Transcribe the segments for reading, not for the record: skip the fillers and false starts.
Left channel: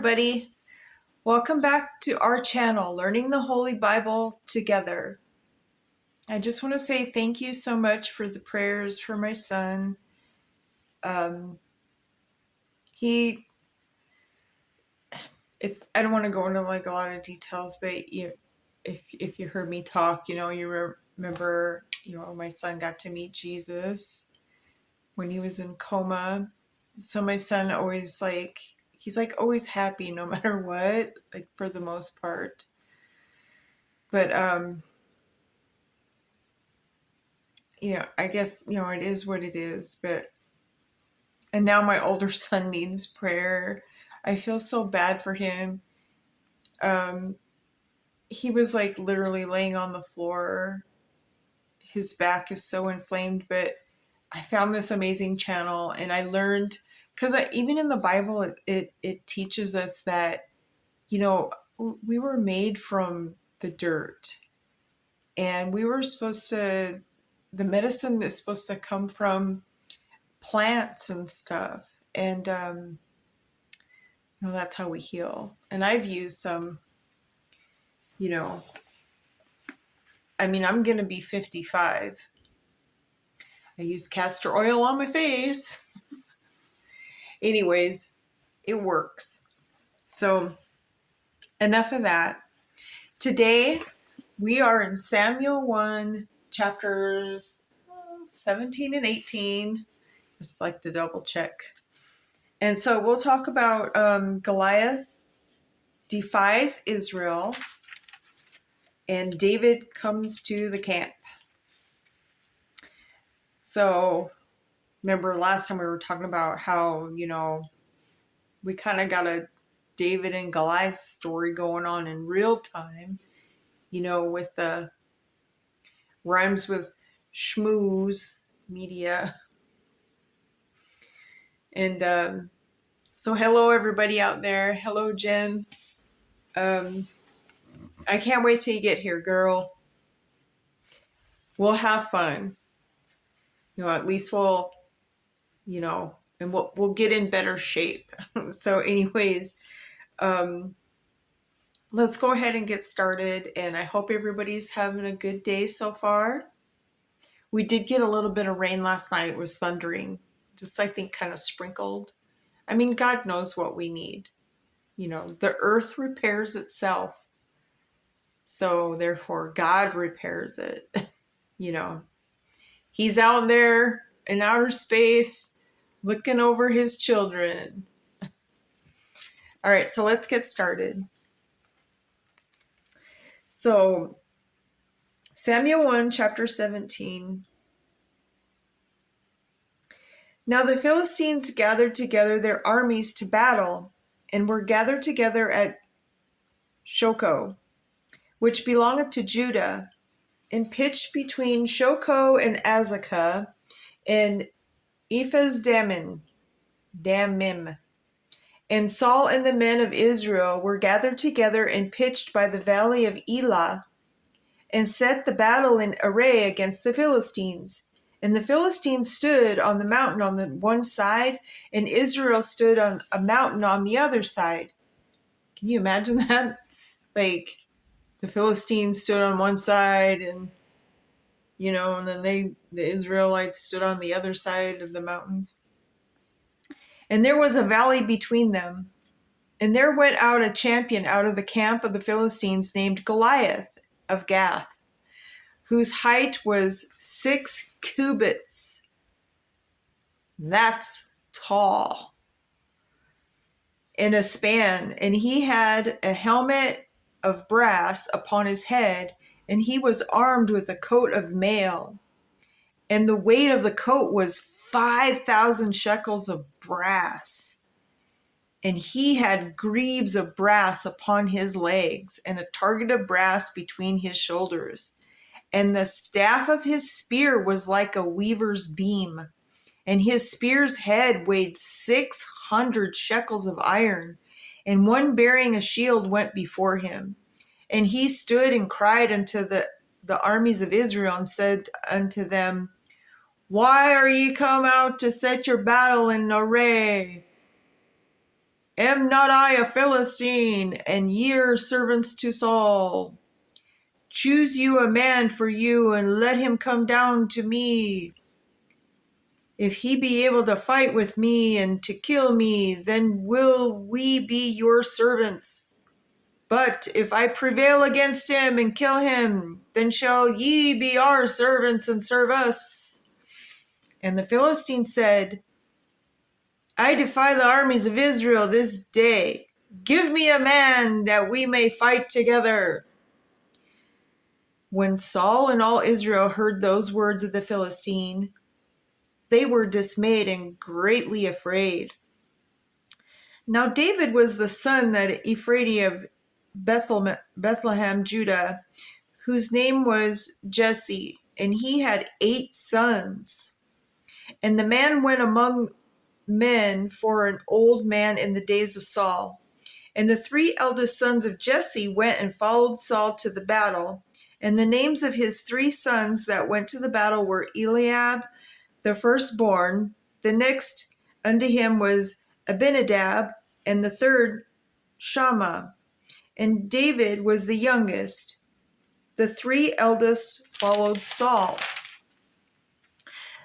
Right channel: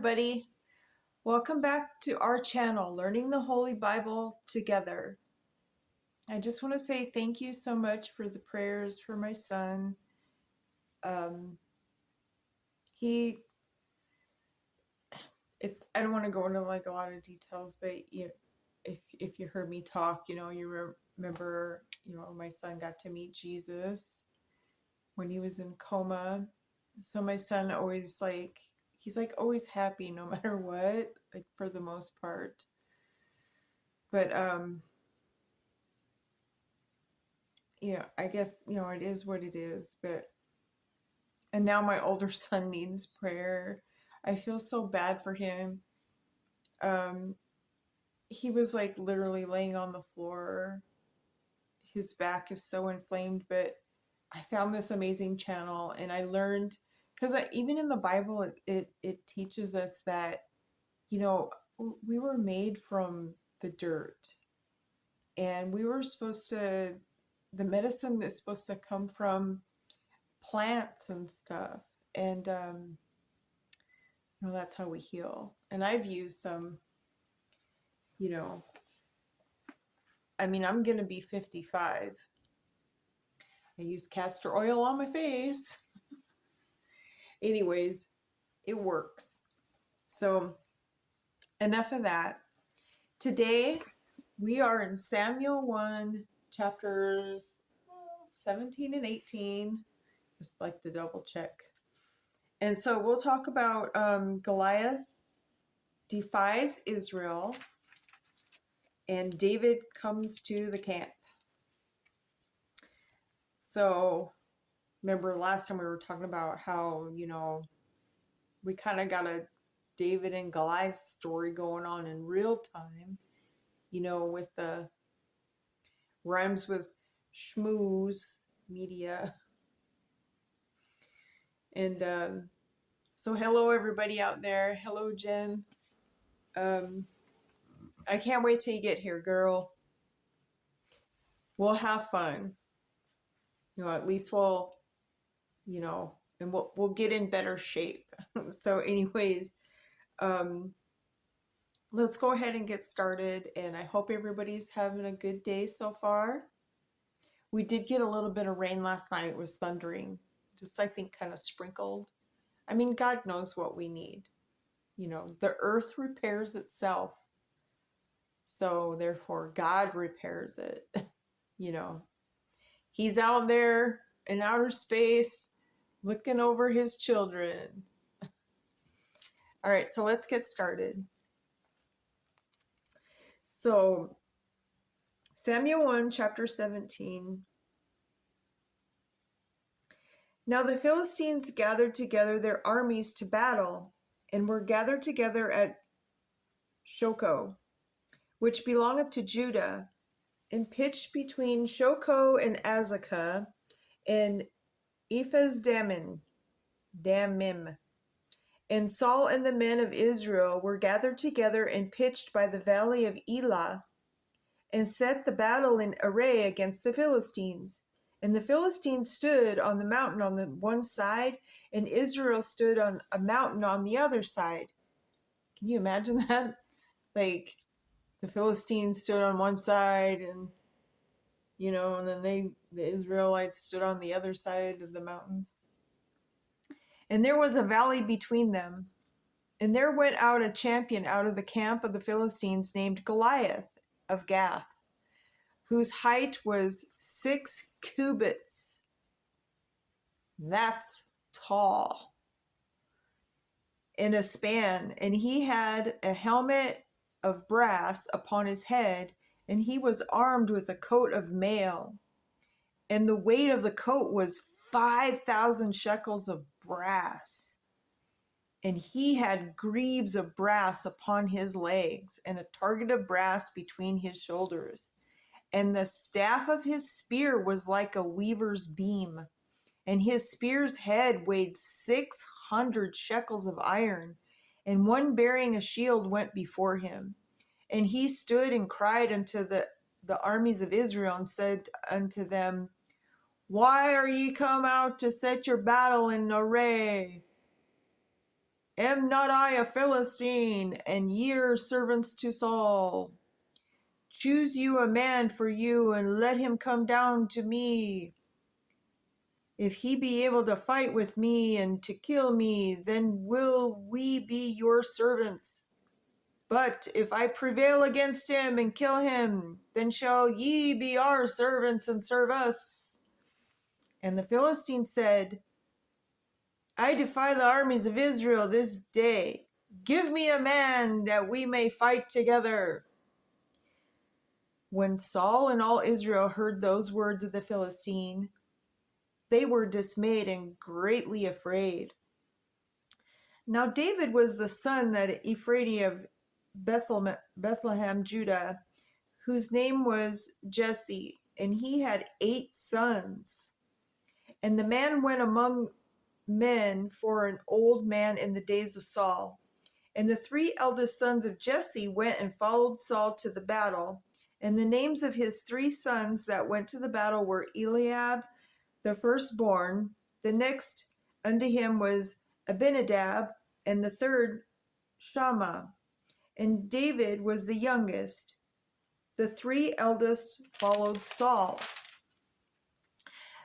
everybody. Welcome back to our channel, Learning the Holy Bible Together. I just want to say thank you so much for the prayers for my son. I don't want to go into like a lot of details, but if you heard me talk, you remember, my son got to meet Jesus when he was in coma. So my son always he's always happy no matter what, like for the most part. But I guess, it is what it is. And now my older son needs prayer. I feel so bad for him. He was like literally laying on the floor. His back is so inflamed, but I found this amazing channel and I learned, because even in the Bible, it teaches us that, we were made from the dirt, and the medicine is supposed to come from plants and stuff. And, that's how we heal. And I've used some, I'm going to be 55. I used castor oil on my face. Anyways, it works. So enough of that. Today, we are in Samuel 1, chapters 17 and 18. Just like to double check. And so we'll talk about Goliath defies Israel and David comes to the camp. So remember last time we were talking about how, we kind of got a David and Goliath story going on in real time, with the rhymes with schmooze media. And so hello everybody out there. Hello Jen. I can't wait till you get here, girl. We'll have fun. At least we'll, and we'll get in better shape. So anyways, let's go ahead and get started. And I hope everybody's having a good day so far. We did get a little bit of rain last night. It was thundering, just I think kind of sprinkled. God knows what we need. The earth repairs itself. So therefore God repairs it. He's out there in outer space looking over his children. All right, so let's get started. So Samuel 1, chapter 17. Now the Philistines gathered together their armies to battle, and were gathered together at Shoco, which belongeth to Judah, and pitched between Shoco and Azekah, and Damim. And Saul and the men of Israel were gathered together and pitched by the valley of Elah, and set the battle in array against the Philistines. And the Philistines stood on the mountain on the one side, and Israel stood on a mountain on the other side. Can you imagine that? Like, the Philistines stood on one side, and, and then the Israelites stood on the other side of the mountains. And there was a valley between them. And there went out a champion out of the camp of the Philistines named Goliath of Gath, whose height was 6 cubits. That's tall. In a span. And he had a helmet of brass upon his head, and he was armed with a coat of mail. And the weight of the coat was 5,000 shekels of brass. And he had greaves of brass upon his legs, and a target of brass between his shoulders. And the staff of his spear was like a weaver's beam. And his spear's head weighed 600 shekels of iron. And one bearing a shield went before him. And he stood and cried unto the armies of Israel, and said unto them, Why are ye come out to set your battle in array? Am not I a Philistine, and ye are servants to Saul? Choose you a man for you, and let him come down to me. If he be able to fight with me and to kill me, then will we be your servants. But if I prevail against him and kill him, then shall ye be our servants and serve us. And the Philistine said, I defy the armies of Israel this day. Give me a man that we may fight together. When Saul and all Israel heard those words of the Philistine, they were dismayed and greatly afraid. Now David was the son that Ephraim of Bethlehem, Judah, whose name was Jesse, and he had 8 sons. And the man went among men for an old man in the days of Saul. And the 3 eldest sons of Jesse went and followed Saul to the battle. And the names of his 3 sons that went to the battle were Eliab, the firstborn. The next unto him was Abinadab, and the third Shammah. And David was the youngest. The 3 eldest followed Saul.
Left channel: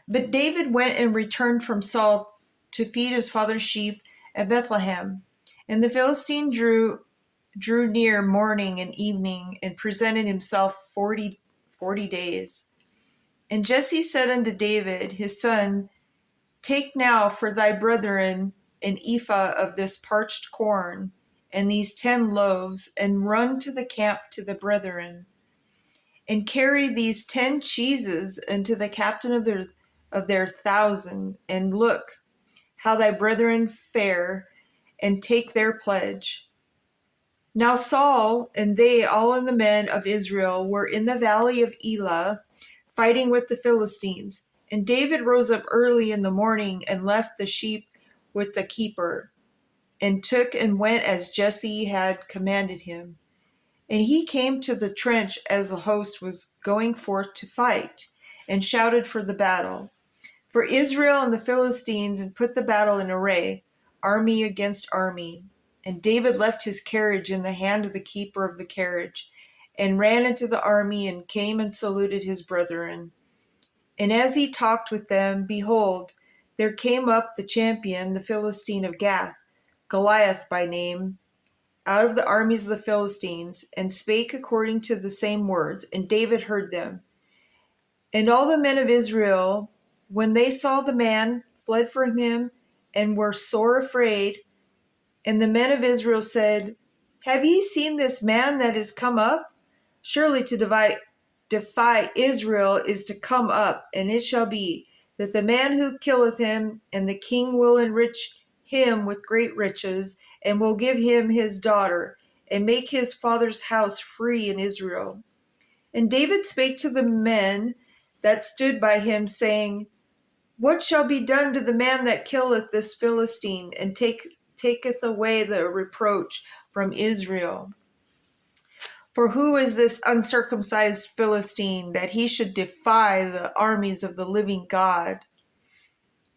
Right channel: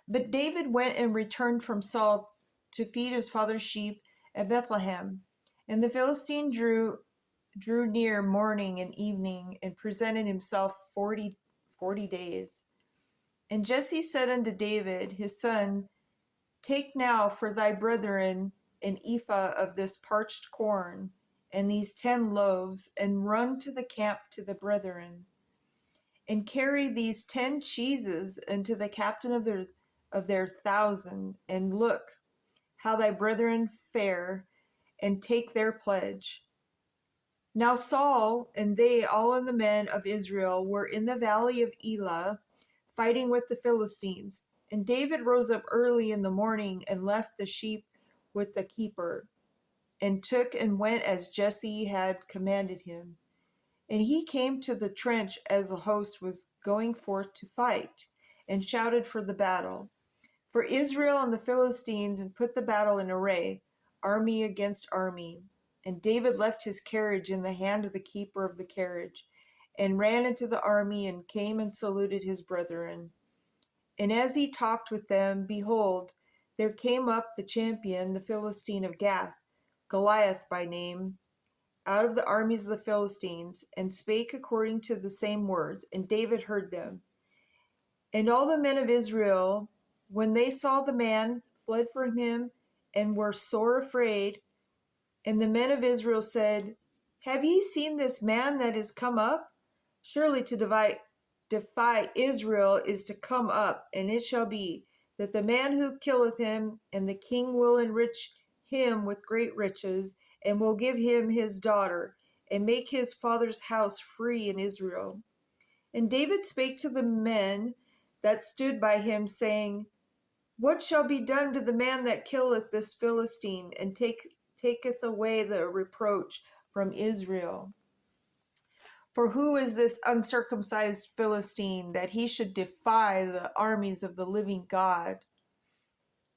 But David went and returned from Saul to feed his father's sheep at Bethlehem. And the Philistine drew near morning and evening, and presented himself 40 days. And Jesse said unto David his son, Take now for thy brethren an ephah of this parched corn, and these 10 loaves, and run to the camp to the brethren. And carry these 10 cheeses unto the captain of their 1,000, and look how thy brethren fare, and take their pledge. Now Saul and they all and the men of Israel were in the valley of Elah, fighting with the Philistines. And David rose up early in the morning and left the sheep with the keeper, and took and went as Jesse had commanded him. And he came to the trench as the host was going forth to fight, and shouted for the battle. For Israel and the Philistines had put the battle in array, army against army. And David left his carriage in the hand of the keeper of the carriage, and ran into the army, and came and saluted his brethren. And as he talked with them, behold, there came up the champion, the Philistine of Gath, Goliath by name, out of the armies of the Philistines, and spake according to the same words, and David heard them. And all the men of Israel, when they saw the man, fled from him, and were sore afraid. And the men of Israel said, Have ye seen this man that is come up? Surely to defy Israel is to come up, and it shall be, that the man who killeth him, and the king will enrich him with great riches, and will give him his daughter, and make his father's house free in Israel. And David spake to the men that stood by him, saying, What shall be done to the man that killeth this Philistine, and taketh away the reproach from Israel? For who is this uncircumcised Philistine, that he should defy the armies of the living God?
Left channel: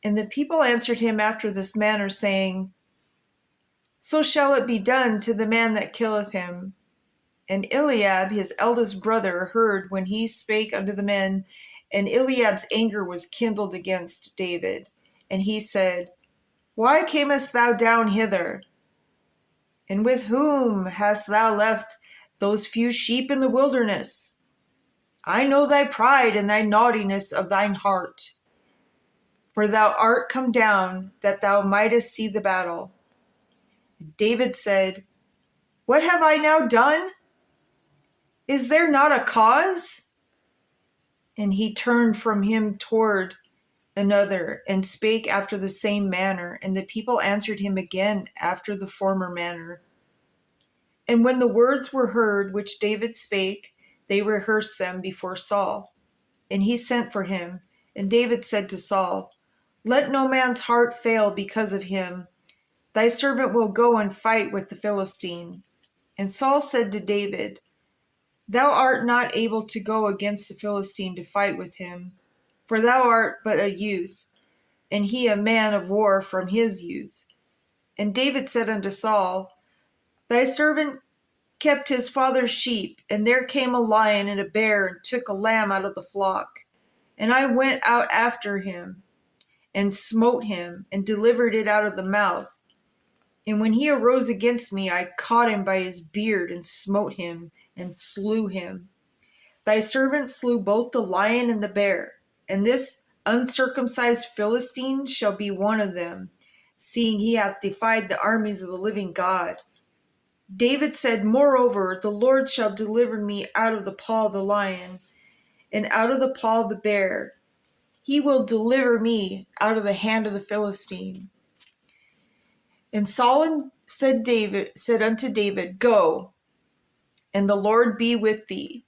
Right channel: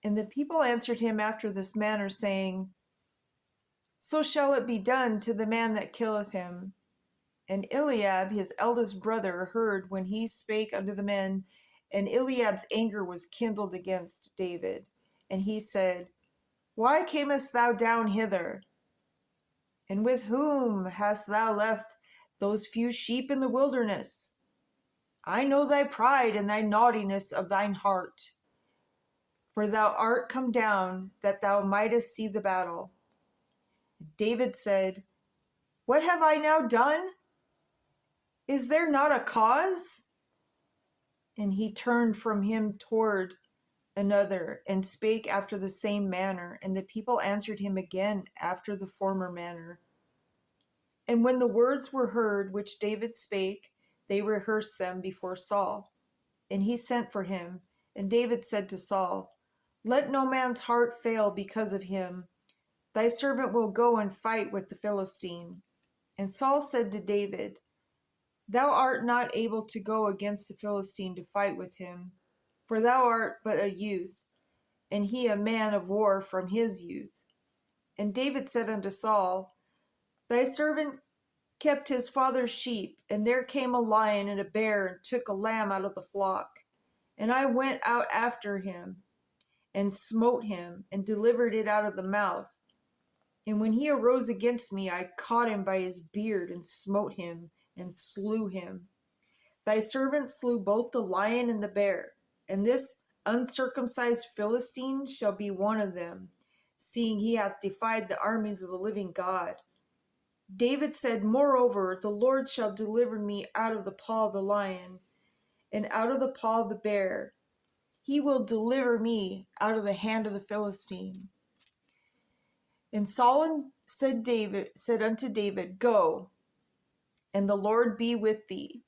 And the people answered him after this manner, saying, So shall it be done to the man that killeth him. And Eliab his eldest brother heard when he spake unto the men, and Eliab's anger was kindled against David. And he said, Why camest thou down hither? And with whom hast thou left those few sheep in the wilderness? I know thy pride and thy naughtiness of thine heart. For thou art come down, that thou mightest see the battle. David said, What have I now done? Is there not a cause? And he turned from him toward another, and spake after the same manner. And the people answered him again after the former manner. And when the words were heard which David spake, they rehearsed them before Saul. And he sent for him. And David said to Saul, Let no man's heart fail because of him. Thy servant will go and fight with the Philistine. And Saul said to David, Thou art not able to go against the Philistine to fight with him, for thou art but a youth, and he a man of war from his youth. And David said unto Saul, Thy servant kept his father's sheep, and there came a lion and a bear, and took a lamb out of the flock. And I went out after him, and smote him, and delivered it out of the mouth. And when he arose against me, I caught him by his beard, and smote him, and slew him. Thy servant slew both the lion and the bear, and this uncircumcised Philistine shall be one of them, seeing he hath defied the armies of the living God. David said, Moreover, the Lord shall deliver me out of the paw of the lion, and out of the paw of the bear. He will deliver me out of the hand of the Philistine. And Saul said unto David, Go, and the Lord be with thee.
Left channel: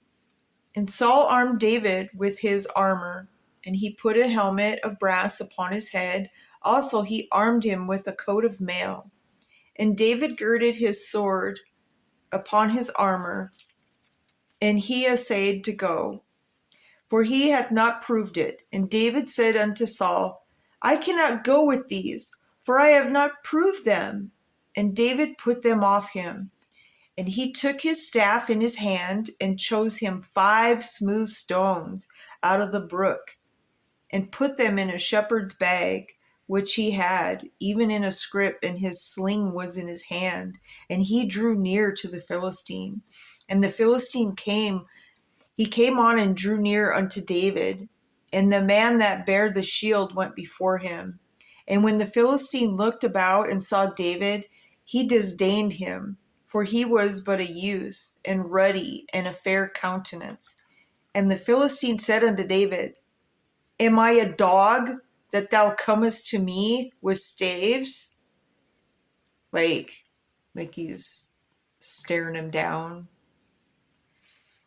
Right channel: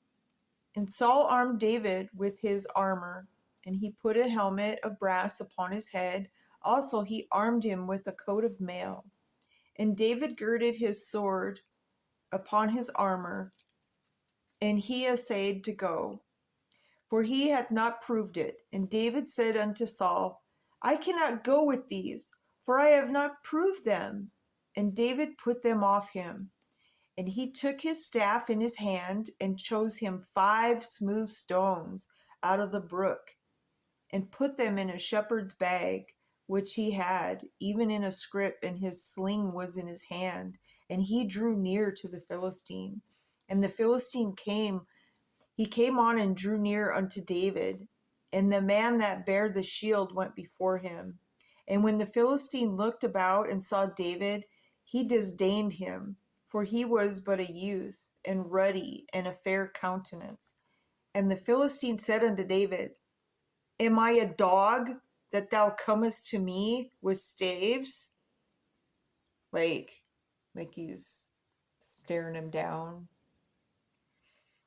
And Saul armed David with his armor, and he put a helmet of brass upon his head. Also he armed him with a coat of mail. And David girded his sword upon his armor, and he essayed to go, for he hath not proved it. And David said unto Saul, I cannot go with these, for I have not proved them. And David put them off him. And he took his staff in his hand, and chose him 5 smooth stones out of the brook, and put them in a shepherd's bag, which he had, even in a scrip, and his sling was in his hand. And he drew near to the Philistine. And the Philistine came on and drew near unto David. And the man that bare the shield went before him. And when the Philistine looked about and saw David, he disdained him, for he was but a youth, and ruddy, and a fair countenance. And the Philistine said unto David, Am I a dog, that thou comest to me with staves? Like he's staring him down.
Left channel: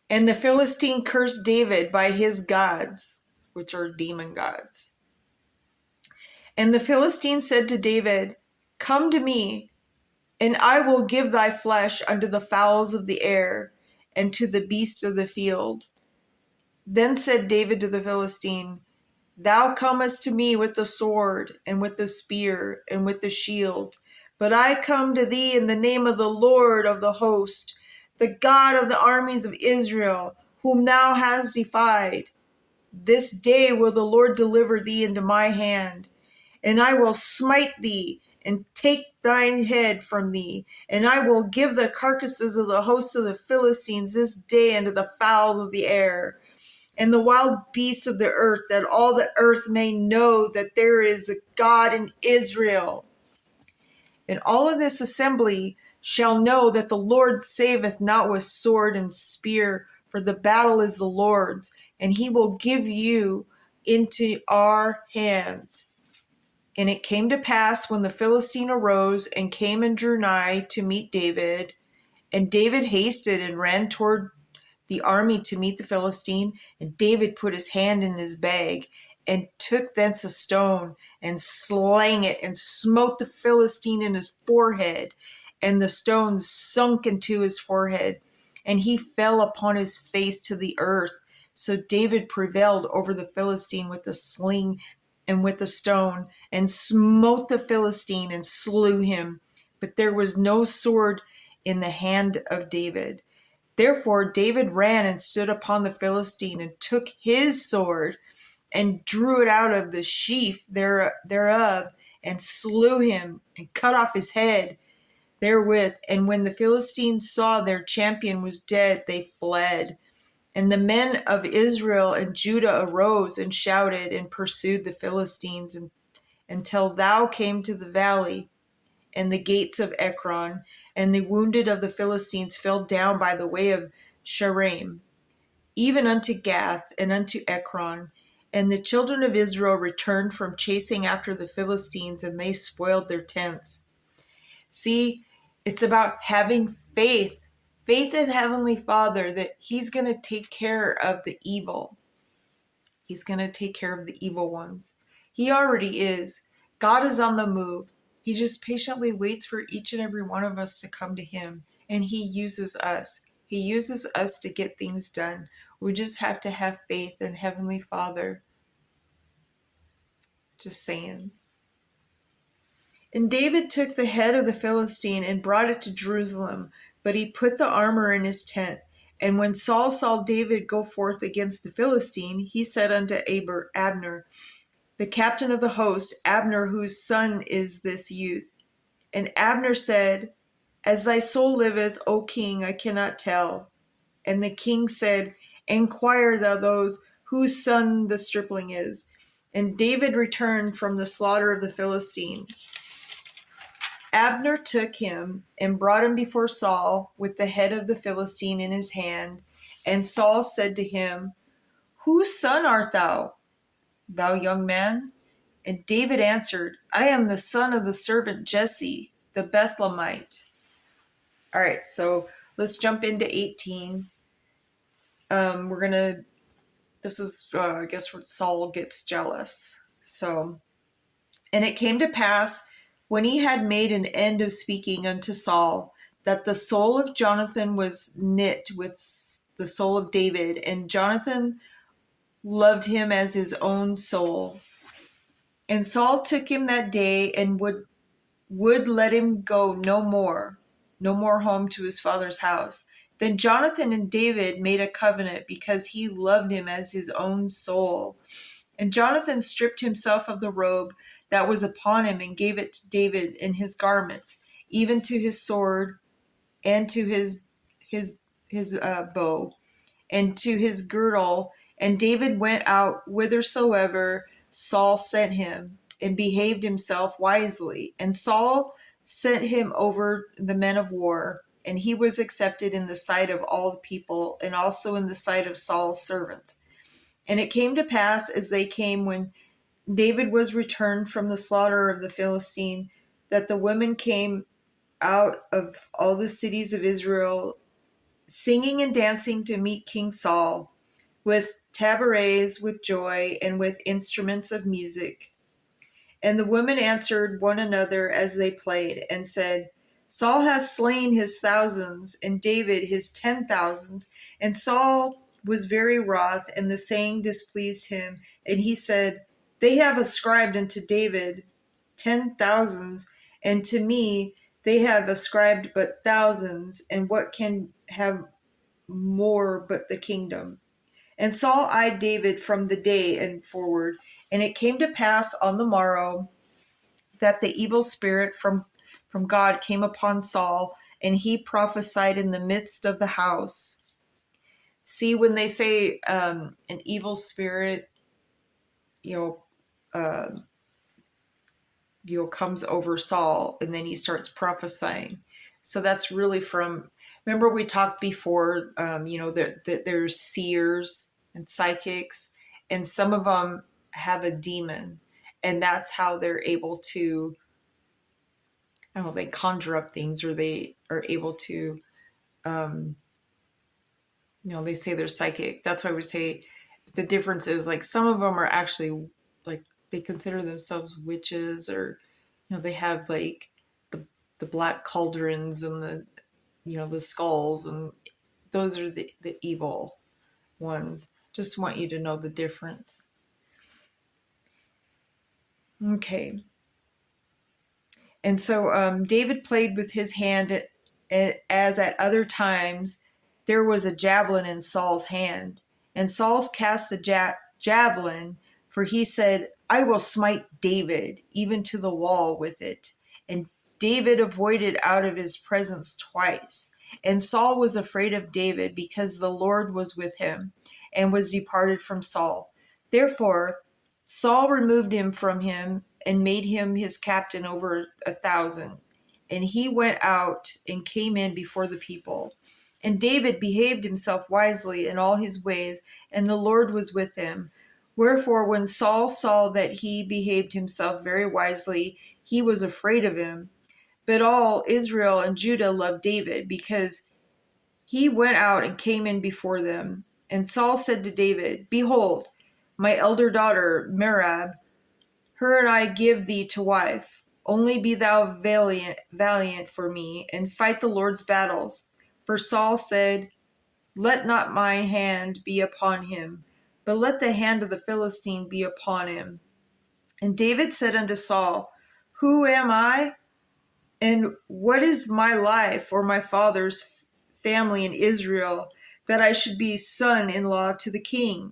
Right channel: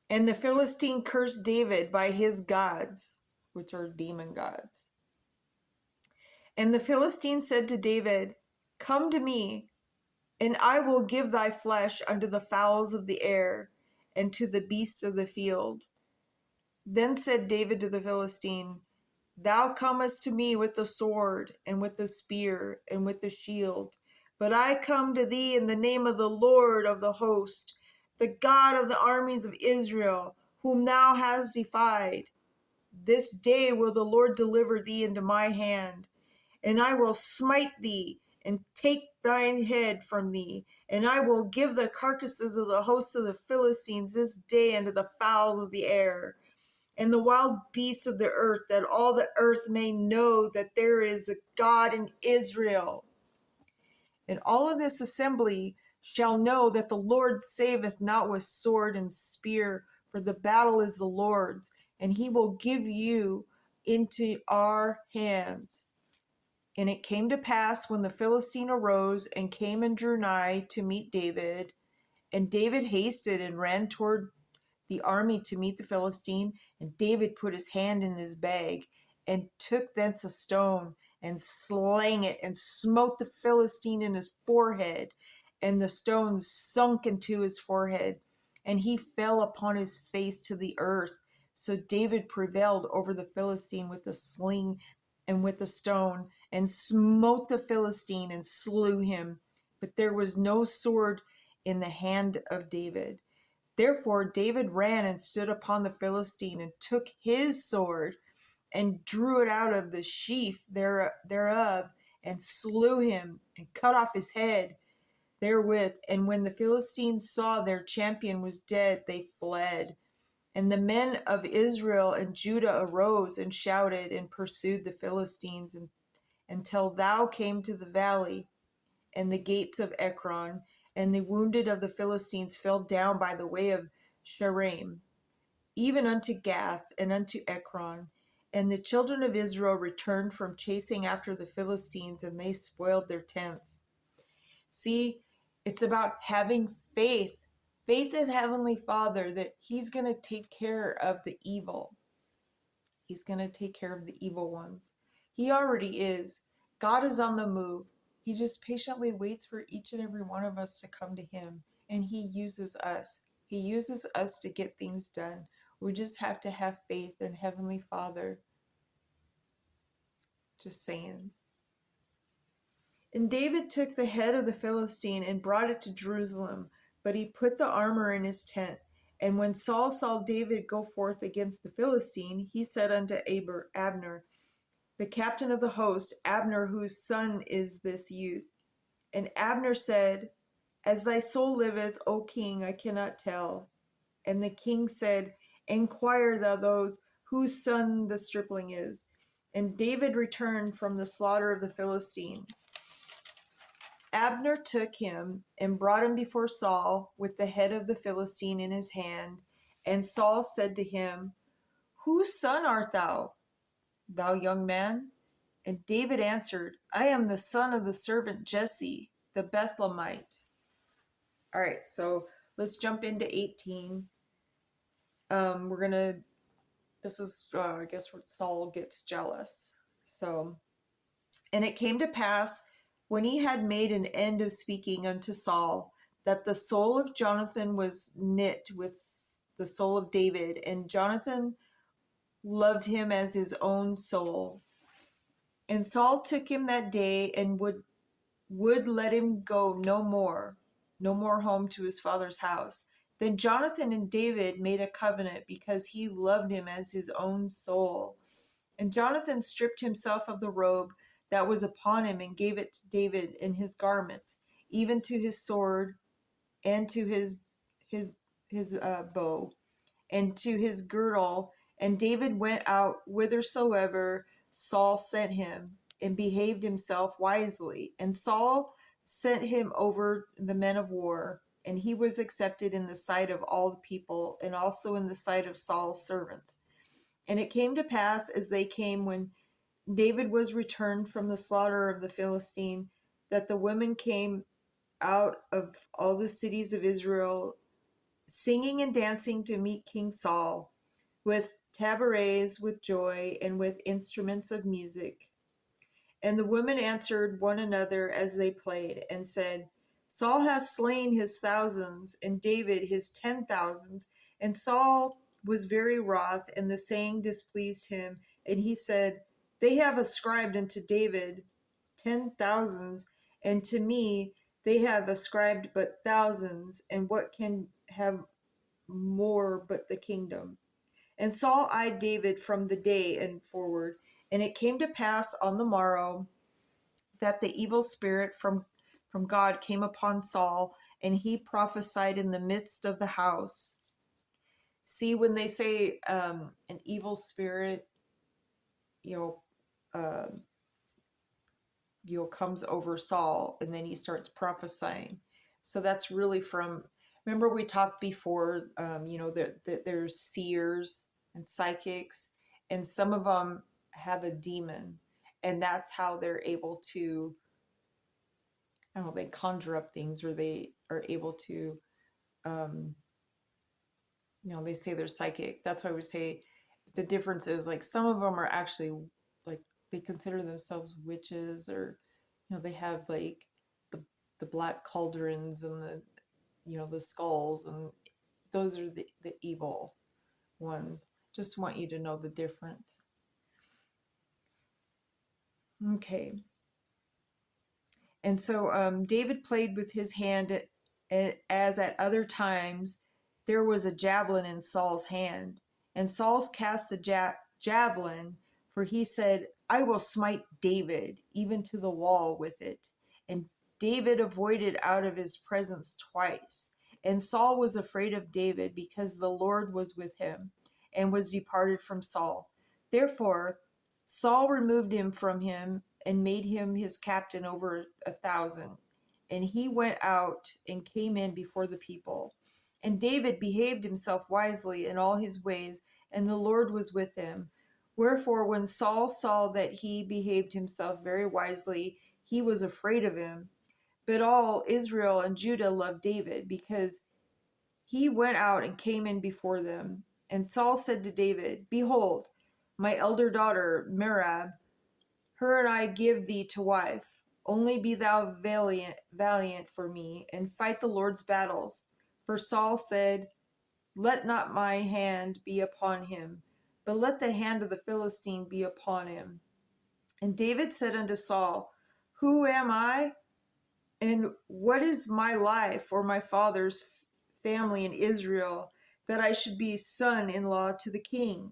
And the Philistine cursed David by his gods, which are demon gods. And the Philistine said to David, Come to me, and I will give thy flesh unto the fowls of the air, and to the beasts of the field. Then said David to the Philistine, Thou comest to me with the sword, and with the spear, and with the shield. But I come to thee in the name of the Lord of the host, the God of the armies of Israel, whom thou hast defied. This day will the Lord deliver thee into my hand, and I will smite thee, and take thine head from thee, and I will give the carcasses of the host of the Philistines this day unto the fowls of the air, and the wild beasts of the earth, that all the earth may know that there is a God in Israel. And all of this assembly shall know that the Lord saveth not with sword and spear, for the battle is the Lord's, and he will give you into our hands. And it came to pass, when the Philistine arose and came and drew nigh to meet David, and David hasted and ran toward the army to meet the Philistine, and David put his hand in his bag, and took thence a stone, and slang it, and smote the Philistine in his forehead, and the stone sunk into his forehead, and he fell upon his face to the earth. So David prevailed over the Philistine with the sling and with the stone, and smote the Philistine, and slew him. But there was no sword in the hand of David. Therefore David ran and stood upon the Philistine, and took his sword, and drew it out of the sheath thereof, and slew him, and cut off his head therewith. And when the Philistines saw their champion was dead, they fled. And the men of Israel and Judah arose and shouted, and pursued the Philistines until thou came to the valley and the gates of Ekron. And the wounded of the Philistines fell down by the way of Shaaraim, even unto Gath and unto Ekron. And the children of Israel returned from chasing after the Philistines, and they spoiled their tents. See, it's about having faith in Heavenly Father, that he's going to take care of the evil. He's going to take care of the evil ones. He already is. God is on the move. He just patiently waits for each and every one of us to come to him, and he uses us. He uses us to get things done. We just have to have faith in Heavenly Father. Just saying. And David took the head of the Philistine and brought it to Jerusalem, but he put the armor in his tent. And when Saul saw David go forth against the Philistine, he said unto Abner, the captain of the host, Abner, whose son is this youth? And Abner said, as thy soul liveth, O king, I cannot tell. And the king said, inquire thou those whose son the stripling is. And David returned from the slaughter of the Philistine. Abner took him and brought him before Saul with the head of the Philistine in his hand. And Saul said to him, whose son art thou, thou young man? And David answered, I am the son of the servant Jesse, the Bethlehemite. All right, so let's jump into 18. This is, I guess, where Saul gets jealous. So, and it came to pass, when he had made an end of speaking unto Saul, that the soul of Jonathan was knit with the soul of David, and Jonathan loved him as his own soul. And Saul took him that day and would let him go no more home to his father's house. Then Jonathan and David made a covenant because he loved him as his own soul. And Jonathan stripped himself of the robe that was upon him and gave it to David and his garments, even to his sword and to his bow and to his girdle. And David went out whithersoever Saul sent him, and behaved himself wisely. And Saul sent him over the men of war, and he was accepted in the sight of all the people, and also in the sight of Saul's servants. And it came to pass, as they came, when David was returned from the slaughter of the Philistine, that the women came out of all the cities of Israel, singing and dancing to meet King Saul, with tabrets, with joy, and with instruments of music. And the women answered one another as they played, and said, Saul hath slain his thousands, and David his 10,000s. And Saul was very wroth, and the saying displeased him. And he said, they have ascribed unto David 10,000s, and to me they have ascribed but thousands, and what can have more but the kingdom? And Saul eyed David from the day and forward. And it came to pass on the morrow that the evil spirit from God came upon Saul, and he prophesied in the midst of the house. See, when they say an evil spirit, uh, comes over Saul, and then he starts prophesying. So that's really from, remember we talked before, that there's seers and psychics, and some of them have a demon, and that's how they're able to, I don't know, they conjure up things, or they are able to, they say they're psychic. That's why we say the difference is, like, some of them are actually, like, they consider themselves witches, or they have like the black cauldrons and the skulls, and those are the evil ones. Just want you to know the difference. Okay. And so David played with his hand, as at other times there was a javelin in Saul's hand. And Saul cast the javelin, for he said, I will smite David even to the wall with it. And David avoided out of his presence twice. And Saul was afraid of David, because the Lord was with him, and was departed from Saul. Therefore Saul removed him from him, and made him his captain over 1,000. And he went out and came in before the people. And David behaved himself wisely in all his ways, and the Lord was with him. Wherefore, when Saul saw that he behaved himself very wisely, he was afraid of him. But all Israel and Judah loved David, because he went out and came in before them. And Saul said to David, behold, my elder daughter Merab, her and I give thee to wife. Only be thou valiant for me, and fight the Lord's battles. For Saul said, let not mine hand be upon him, but let the hand of the Philistine be upon him. And David said unto Saul, Who am I? And what is my life or my father's family in Israel that I should be son-in-law to the king?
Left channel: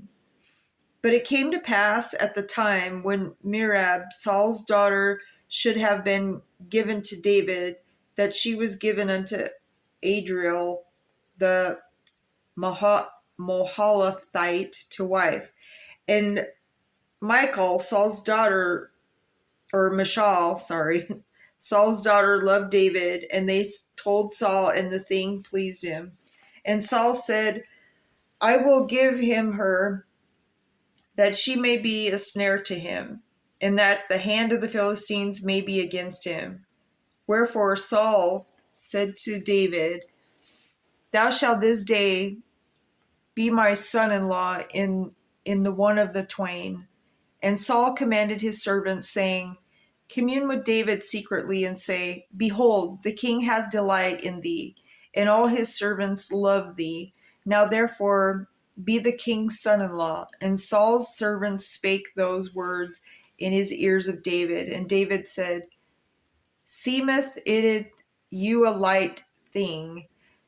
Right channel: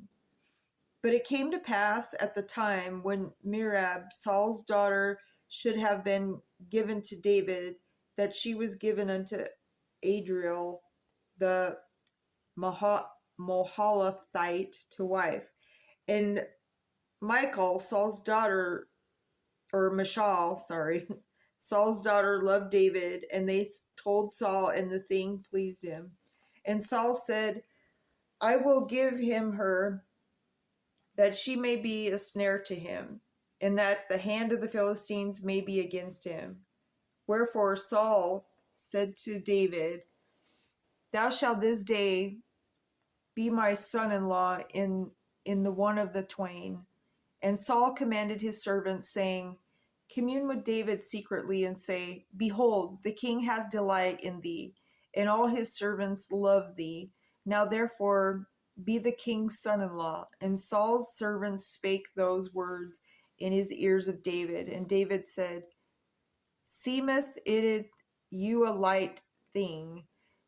But it came to pass at the time when Merab, Saul's daughter, should have been given to David, that she was given unto Adriel the Mahalathite to wife. And Michal, Saul's daughter, or Michal, sorry, Saul's daughter loved David, and they told Saul, and the thing pleased him. And Saul said, I will give him her, that she may be a snare to him, and that the hand of the Philistines may be against him. Wherefore Saul said to David, Thou shalt this day be my son-in-law in the one of the twain. And Saul commanded his servants, saying, Commune with David secretly, and say, Behold, the king hath delight in thee, and all his servants love thee. Now therefore be the king's son-in-law. And Saul's servants spake those words in his ears of David. And David said, Seemeth it you a light thing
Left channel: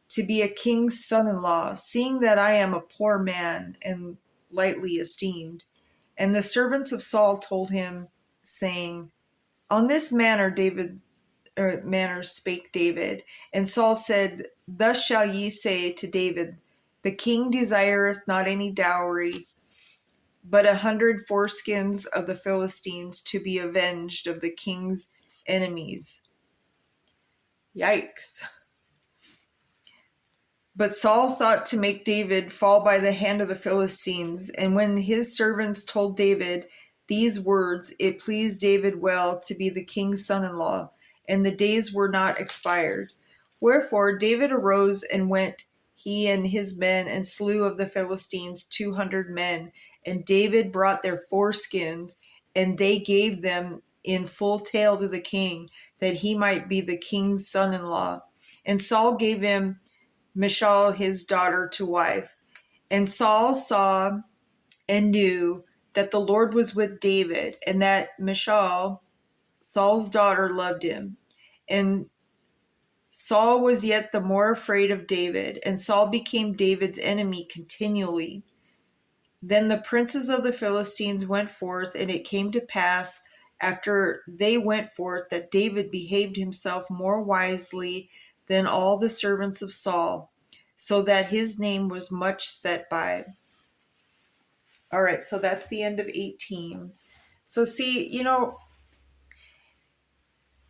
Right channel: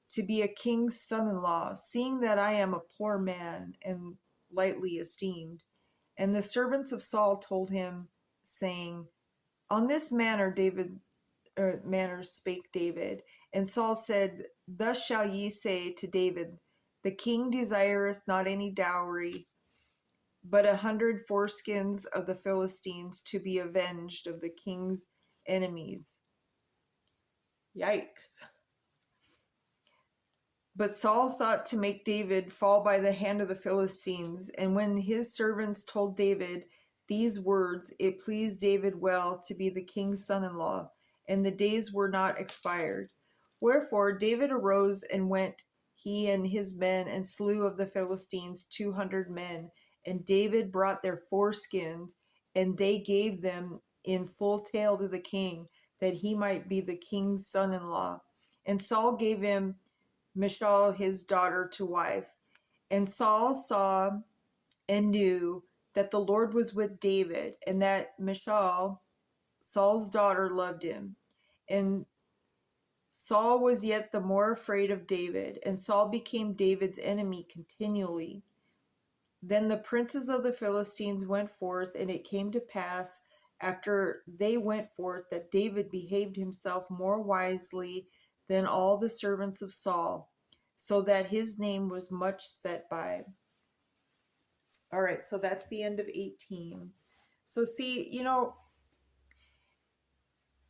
to be a king's son-in-law, seeing that I am a poor man and lightly esteemed? And the servants of Saul told him, saying, On this manner spake David. And Saul said, Thus shall ye say to David, The king desireth not any dowry, but 100 foreskins of the Philistines, to be avenged of the king's enemies. Yikes. But Saul thought to make David fall by the hand of the Philistines. And when his servants told David these words, it pleased David well to be the king's son-in-law, and the days were not expired. Wherefore David arose and went, he and his men, and slew of the Philistines 200 men. And David brought their foreskins, and they gave them in full tale to the king, that he might be the king's son-in-law. And Saul gave him Michal his daughter to wife. And Saul saw and knew that the Lord was with David, and that Michal, Saul's daughter, loved him. And Saul was yet the more afraid of David, and Saul became David's enemy continually. Then the princes of the Philistines went forth, and it came to pass after they went forth that David behaved himself more wisely than all the servants of Saul, so that his name was much set by. All right, so that's the end of 18. So see,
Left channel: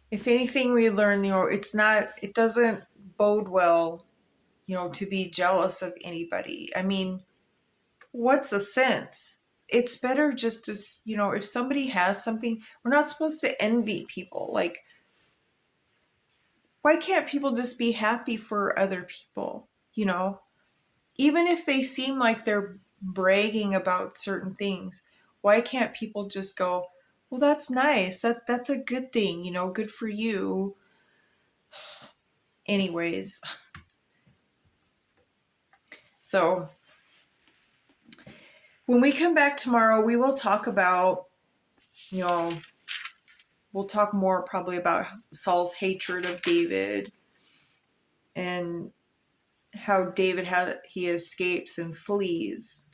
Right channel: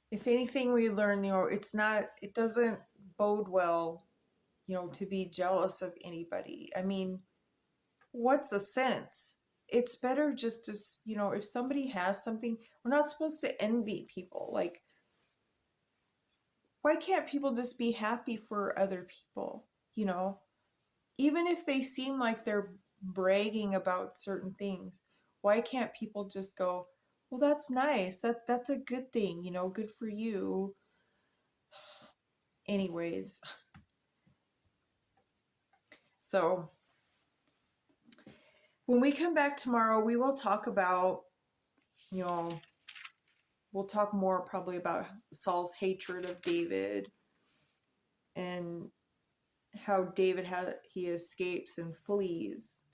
if anything we learn, it doesn't bode well, to be jealous of anybody. I mean, what's the sense? It's better just to, if somebody has something, we're not supposed to envy people. Like, why can't people just be happy for other people? Even if they seem like they're bragging about certain things, why can't people just go, well, that's nice. That's a good thing, good for you. Anyways, so when we come back tomorrow, we will talk about, we'll talk more probably about Saul's hatred of David, and how David he escapes and flees.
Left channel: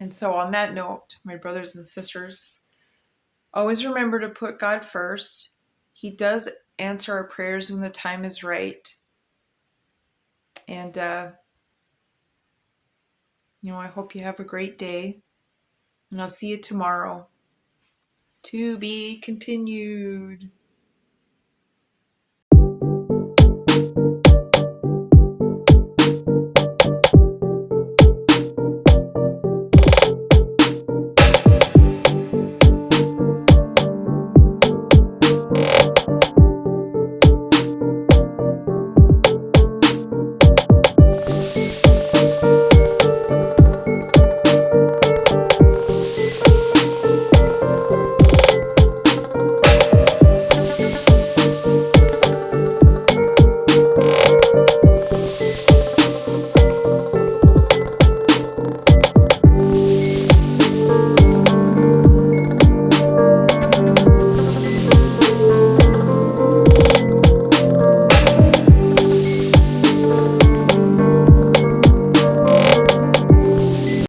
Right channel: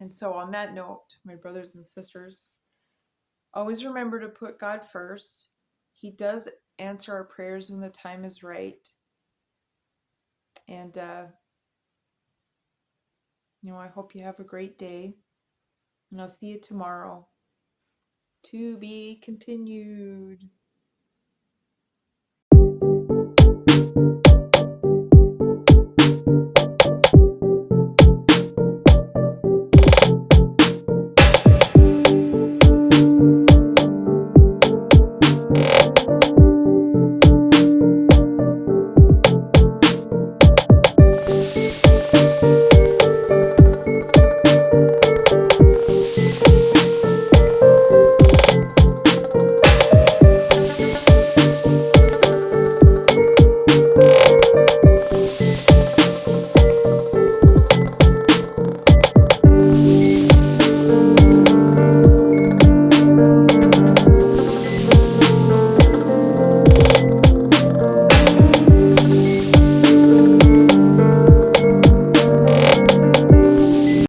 And so on that note, my brothers and sisters, always remember to put God first. He does answer our prayers when the time is right. And, I hope you have a great day. And I'll see you tomorrow. To be continued.